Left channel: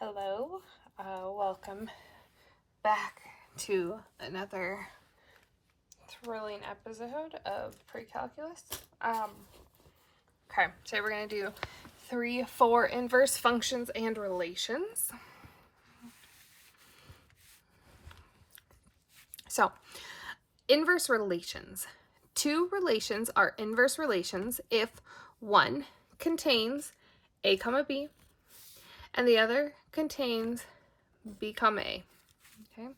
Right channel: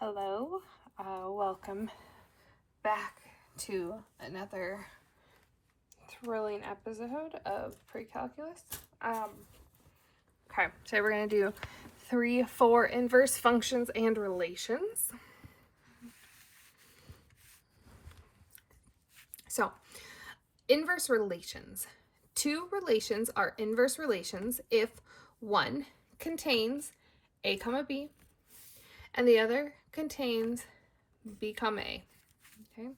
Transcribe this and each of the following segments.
Hello, welcome back to another thrilling episode of Pre-Calculus. Okay, so we're going to do 3, 4 inverse functions and relations. So, inverse relations. Two relations are inverse relations if one contains a comma b and the other contains b comma a. Okay.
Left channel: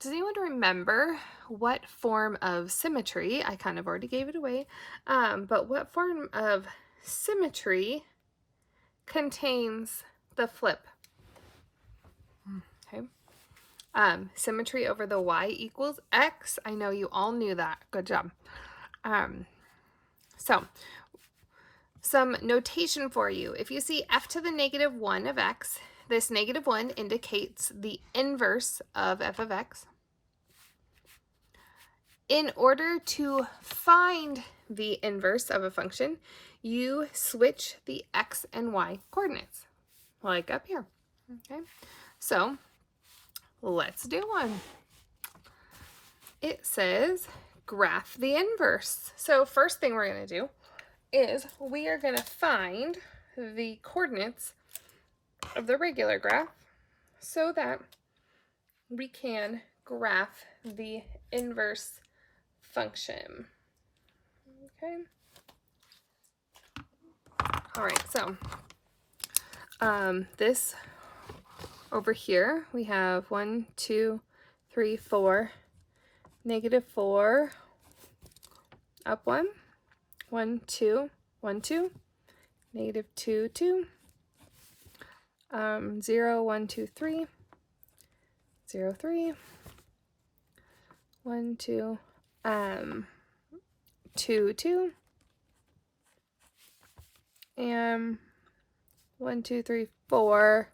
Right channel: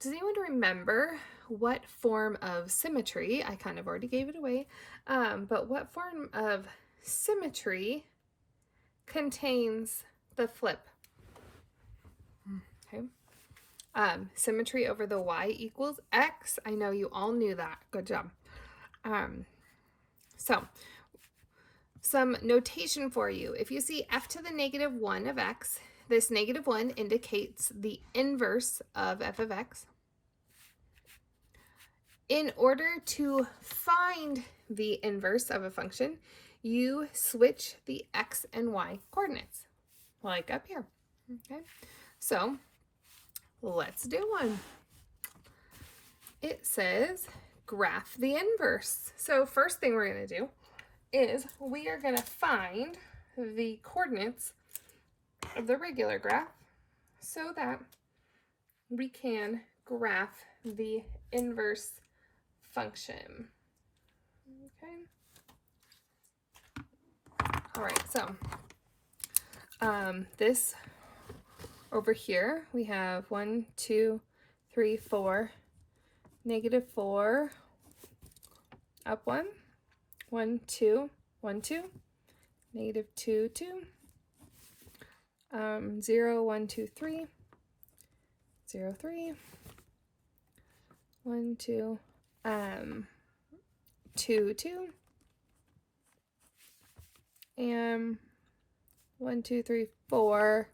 Does anyone remember what form of symmetry, I kind of already gave it away, but what form of symmetry contains the flip? Okay. Symmetry over the y equals x. I know you all knew that. Good job. So, some notation for you. If you see f to the negative 1 of x, this negative 1 indicates the inverse of f of x. In order to find the inverse of a function, you switch the x and y coordinates, like up here. Okay, so let's do one. It says graph the inverse. So first thing we're going to do is we are going to find the coordinates of the regular graph so that we can graph the inverse function. Okay. All right, so this over here, we have 1, 2, 3, 4, negative 4, up 1, 1, 2, 1, 2, negative 2, 2, 0, 1, 2, 3, 0, 3, 1, 2, 2, 2, and 1, 2, 3, 4,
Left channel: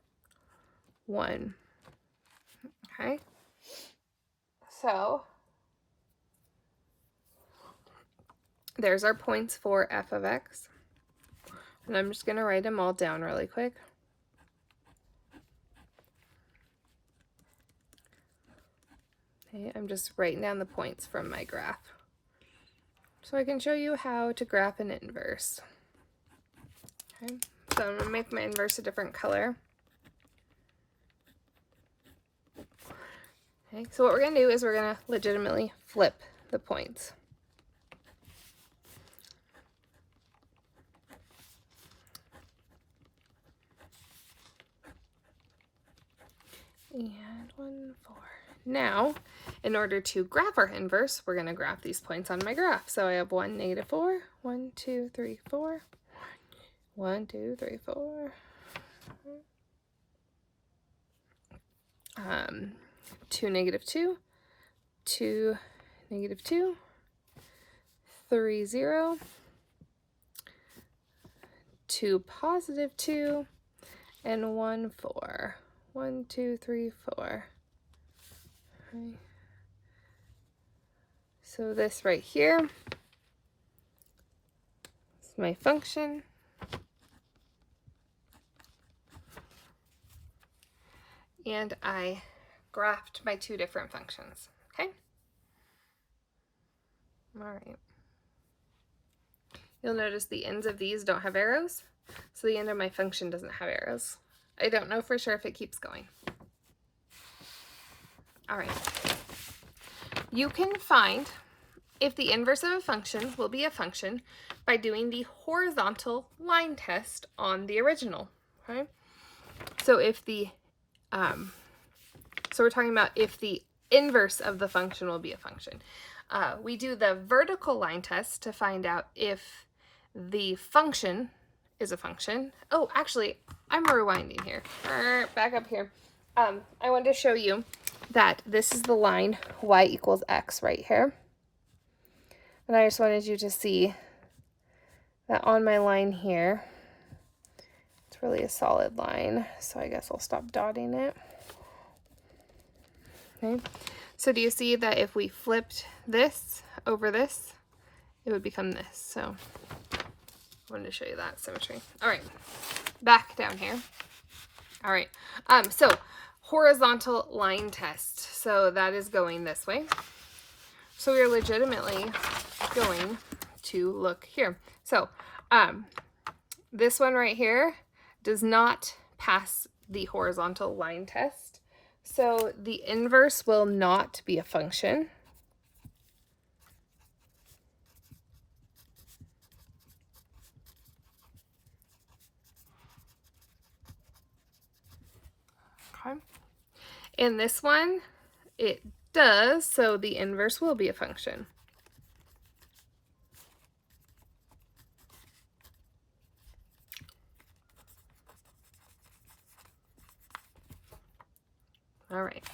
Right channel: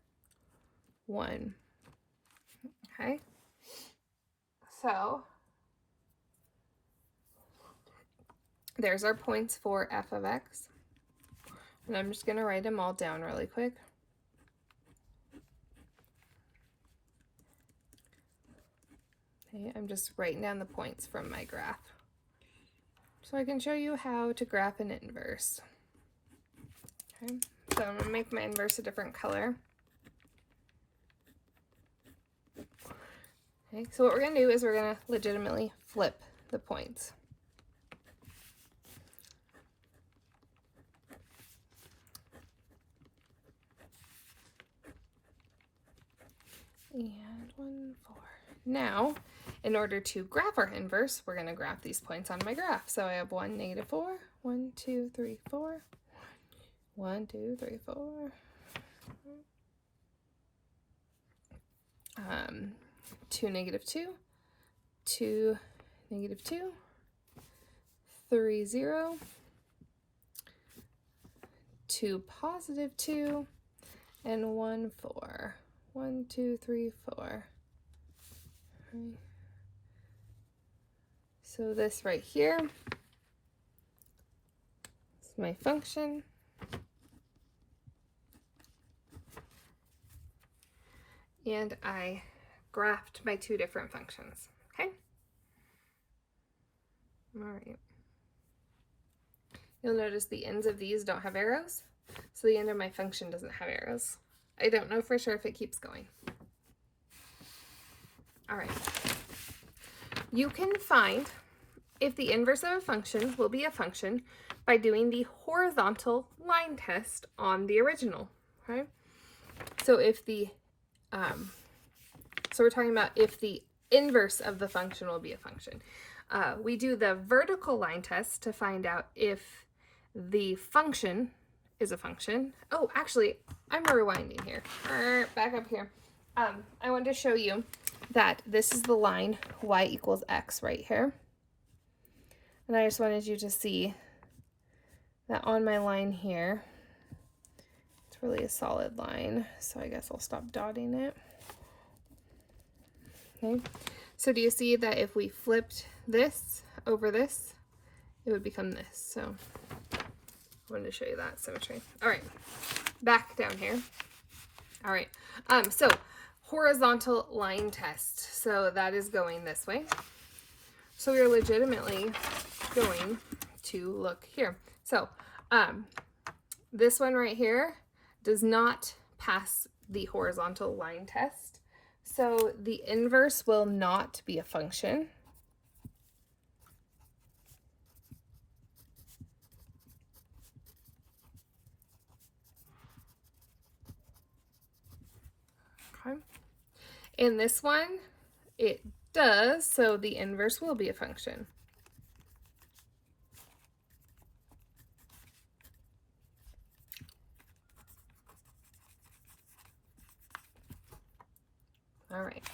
1. Okay. So there's our points for f of x. And I'm just going to write them all down really quick. Okay, I'm just writing down the points from my graph so I can show you how to graph an inverse. Okay, so I'm going to make my inverse a different color. Okay, so what we're going to do is we're going to legitimately flip the points. And 1, 4. Now, in order to graph our inverse, we're going to graph these points on my graph. So I have 1, negative 4, 1, 2, 3, 4, 1, 2, 3, 4. 2, negative 2, 2, negative 2, 3, 0, 2, positive 2, and 1, 4. 1, 2, 3, 4. Okay. So this right here is my function. And I graphed my two different functions. Okay? All right. You'll notice the ends of these don't have arrows, so the end of my function doesn't have arrows. I don't know for sure if it keeps going. All right. You can find if the inverse of a function will be a function by doing the horizontal line test on the original. Okay? So if the so we're talking about if the inverse of the function will be a function. We do the vertical line test to find out if the function is a function. Oh, actually, I'm rewinding here. Back up here. I wanted to show you that this is the line y equals x right here. And I just wanted you to see that on my line here, it's really a solid line. So I guess I'll stop dotting it. Okay. So do you see that if we flipped this over this, it would become this? So I wanted to show you that symmetry. All right, back down here. All right. So horizontal line test. So that is going this way. So we are legitimately going to look here. So this one right here does not pass the horizontal line test. So the inverse will not be a function. Okay. In this one, it does, so the inverse will be a function. All right.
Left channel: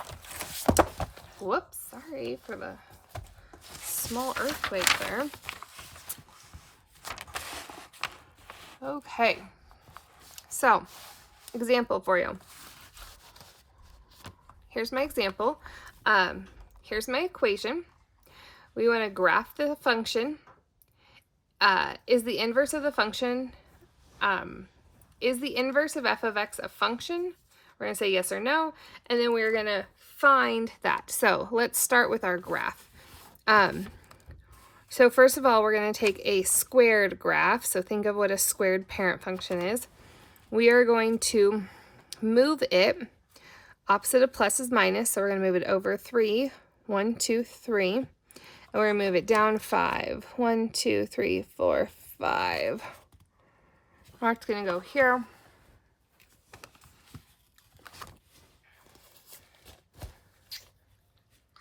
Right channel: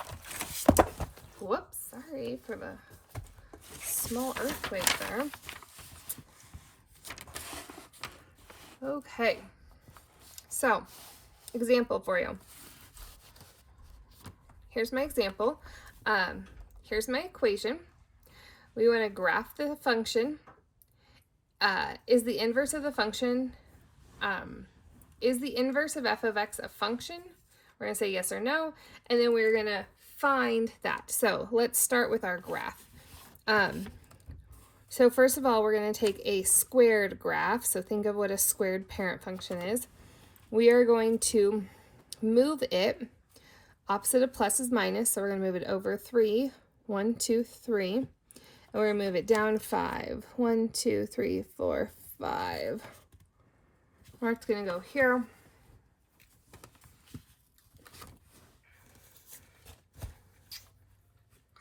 Whoops, sorry for the small earthquake there. Okay, so example for you. Here's my example. Here's my equation. We want to graph the function. Is the inverse of the function, is the inverse of f of x a function? We're going to say yes or no, and then we're going to find that. So let's start with our graph. So first of all, we're going to take a squared graph. So think of what a squared parent function is. We are going to move it. Opposite of plus is minus, so we're going to move it over 3. 1, 2, 3. And we're going to move it down 5. 1, 2, 3, 4, 5. Mark's going to go here.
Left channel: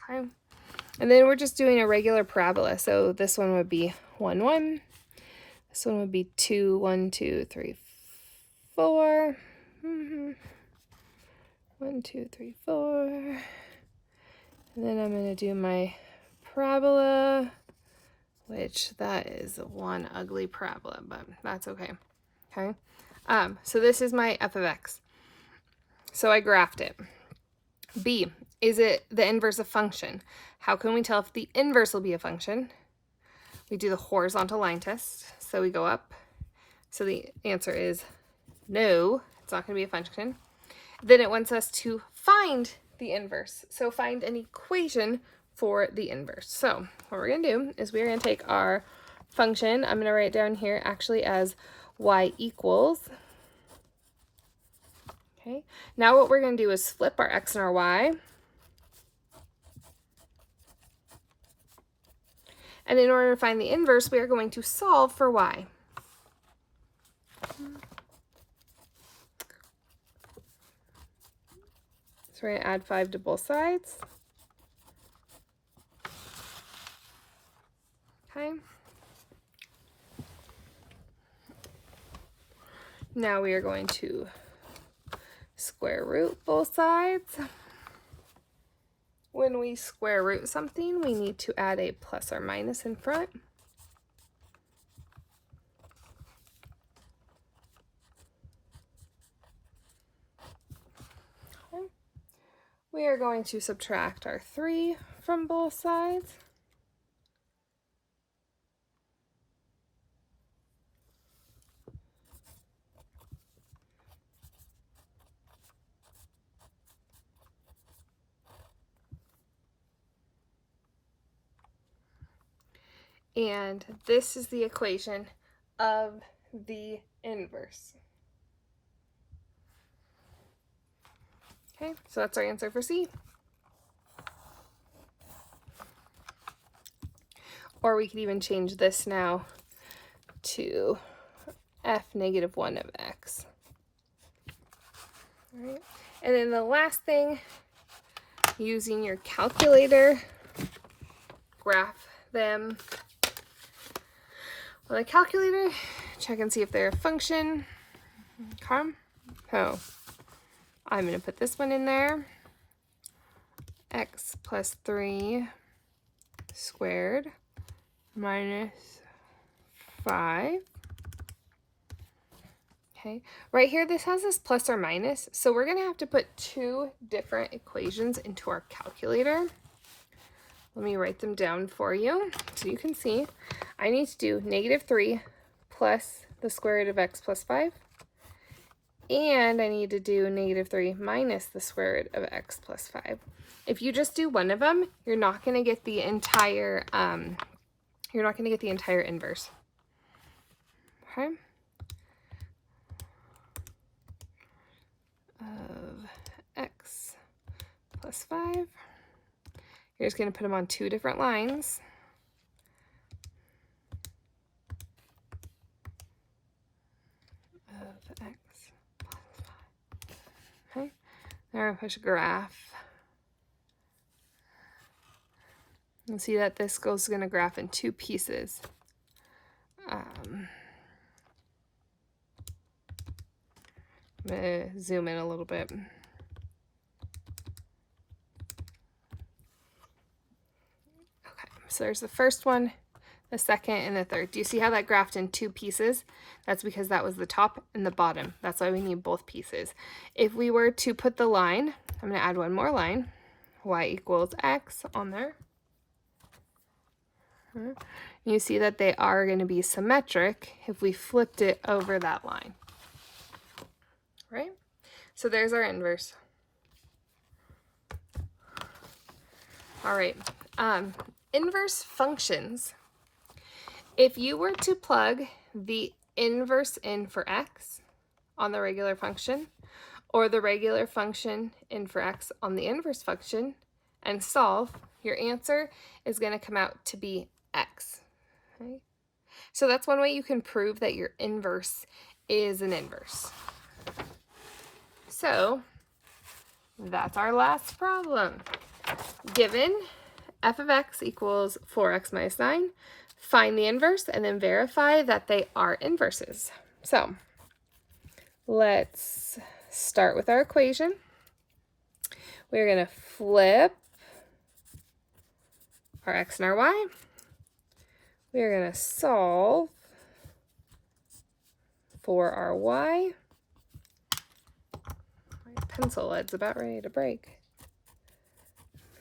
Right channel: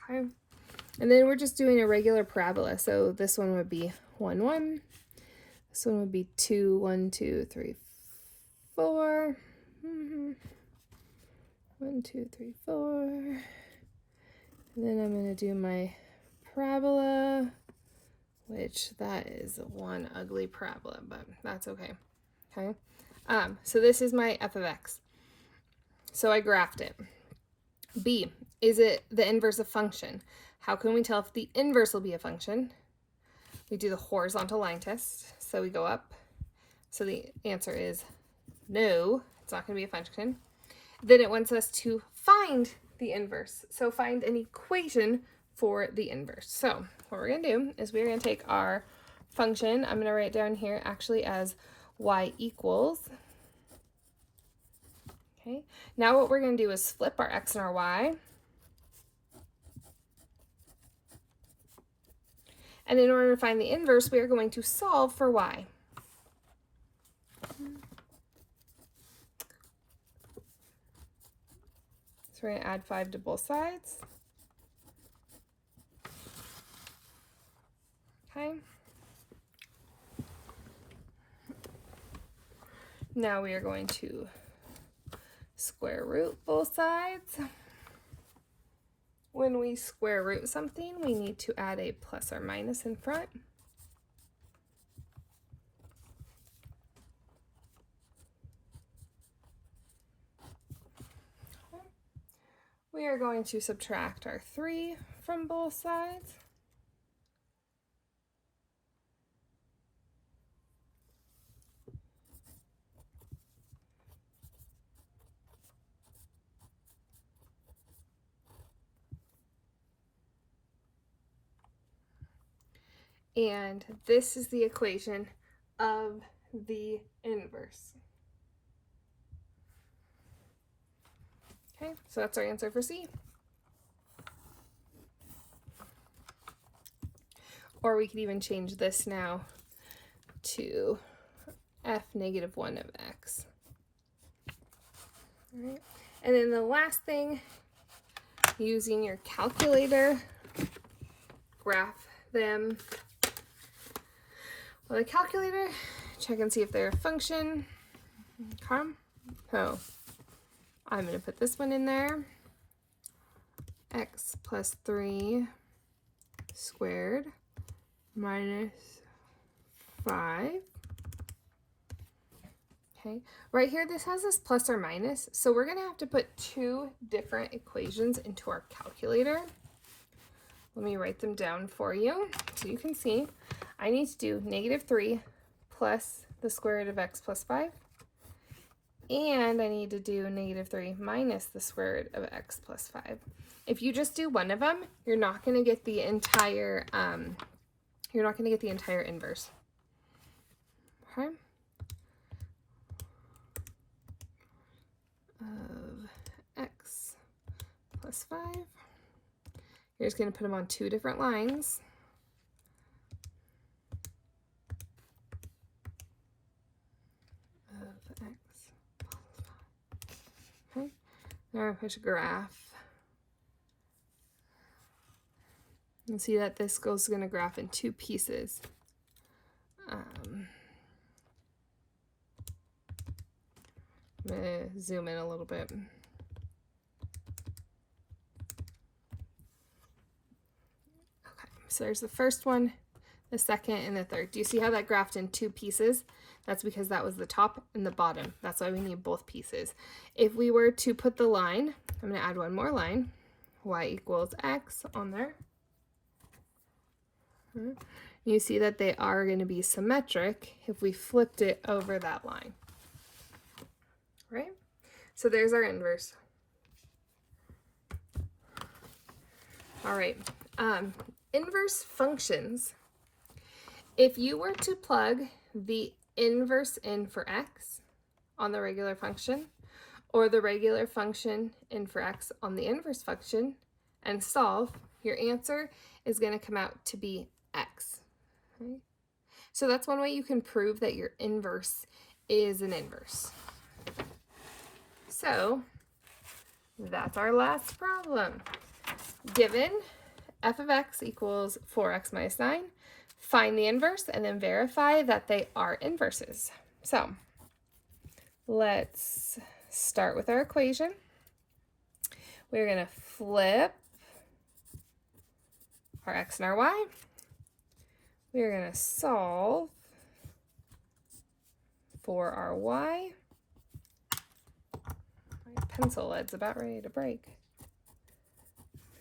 Okay. And then we're just doing a regular parabola. So this one would be 1, 1. This one would be 2, 1, 2, 3, 4. 1, 2, 3, 4. And then I'm going to do my parabola, which that is one ugly parabola, but that's okay. Okay. So this is my f of x. So I graphed it. B, is it the inverse of function? How can we tell if the inverse will be a function? We do the horizontal line test. So we go up. So the answer is no, it's not going to be a function. Then it wants us to find the inverse. So find an equation for the inverse. So what we're going to do is we're going to take our function. I'm going to write down here actually as y equals. Okay. Now what we're going to do is flip our x and our y. And in order to find the inverse, we are going to solve for y. So we're going to add 5 to both sides. Okay. Now we are going to square root both sides. When we square root something, we need to add a plus or minus in front. Okay. We are going to subtract our 3 from both sides. And this is the equation of the inverse. Okay, so that's our answer for C. Or we could even change this now to f negative 1 of x. All right. And then the last thing, using your calculator, graph them with a calculator, check and see if they're a function. Okay. So I'm going to put this one in there. X plus 3 squared minus 5. Okay, right here this has this plus or minus, so we're going to have to put 2 different equations into our calculator. Let me write them down for you so you can see. I need to do negative 3 plus the square root of x plus 5 And I need to do -3 minus the square root of x plus 5. If you just do one of them, you're not going to get the entire inverse. Okay? Of x plus 5. You're just going to put them on two different lines. Of x plus 5. Okay? Now we're going to push a graph. You see that this goes going to graph in two pieces. I'm going to zoom in a little bit. Okay, so there's the first one, the second, and the third. Do you see how that graphed in two pieces? That's because that was the top and the bottom. That's why we need both pieces. If we were to put the line, I'm going to add one more line, y equals x on there. You see that they are going to be symmetric if we flipped it over that line. Right? So there's our inverse. All right. Inverse functions. If you were to plug the inverse in for x on the regular function, or the regular function in for x on the inverse function, and solve, your answer is going to come out to be x. Okay? So that's one way you can prove that your inverse is an inverse. So that's our last problem. Given f of x equals 4x minus 9, find the inverse and then verify that they are inverses. So let's start with our equation. We're going to flip our x and our y. We're going to solve for our y. My pencil lead's about ready to break.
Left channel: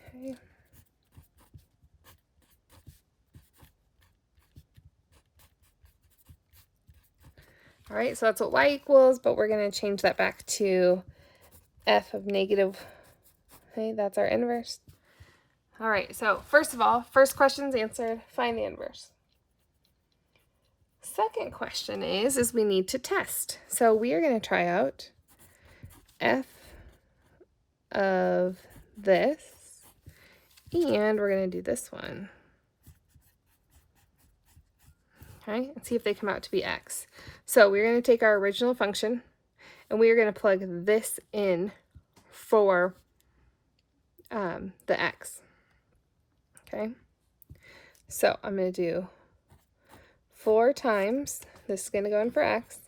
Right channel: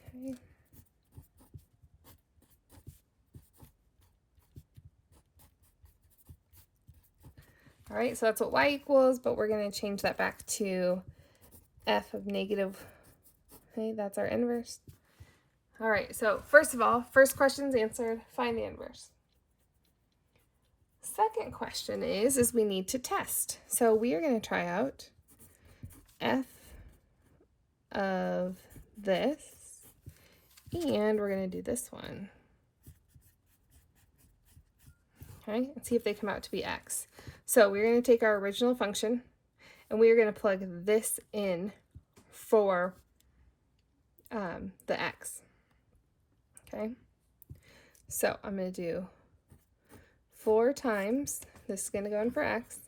Okay. All right, so that's what y equals, but we're going to change that back to f of negative. Okay, that's our inverse. All right, so first of all, first question's answered, find the inverse. Second question is we need to test. So we are going to try out f of this, and we're going to do this one. Okay, and see if they come out to be x. So we're going to take our original function, and we are going to plug this in for the x. Okay, so I'm going to do 4 times, this is going to go in for x,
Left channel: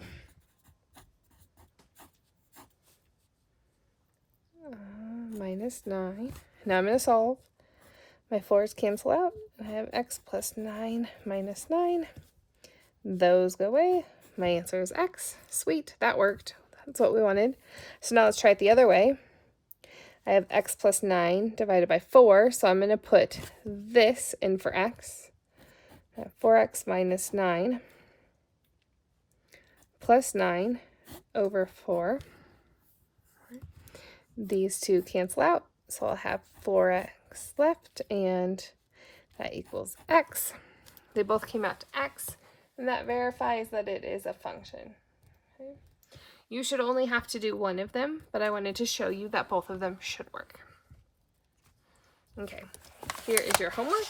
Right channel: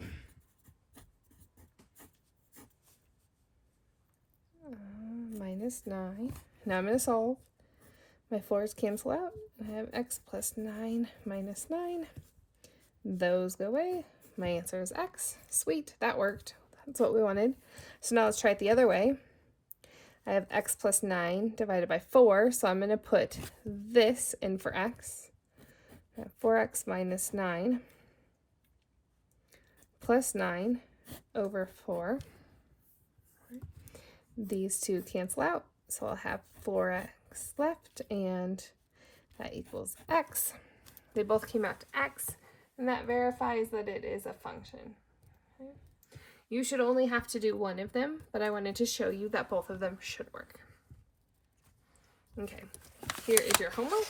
minus 9. Now I'm going to solve. My 4's cancel out. I have x plus 9 minus 9. Those go away. My answer is x. Sweet, that worked. That's what we wanted. So now let's try it the other way. I have x plus 9 divided by 4, so I'm going to put this in for x. I have 4x minus 9 plus 9 over 4. These two cancel out, so I'll have 4x left, and that equals x. They both came out to x, and that verifies that it is a function. Okay. You should only have to do one of them, but I wanted to show you that both of them should work. Okay, here is your homework.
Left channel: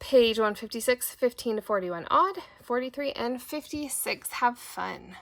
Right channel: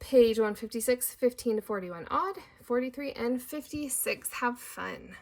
Page 156, 15 to 41 odd, 43 and 56. Have fun.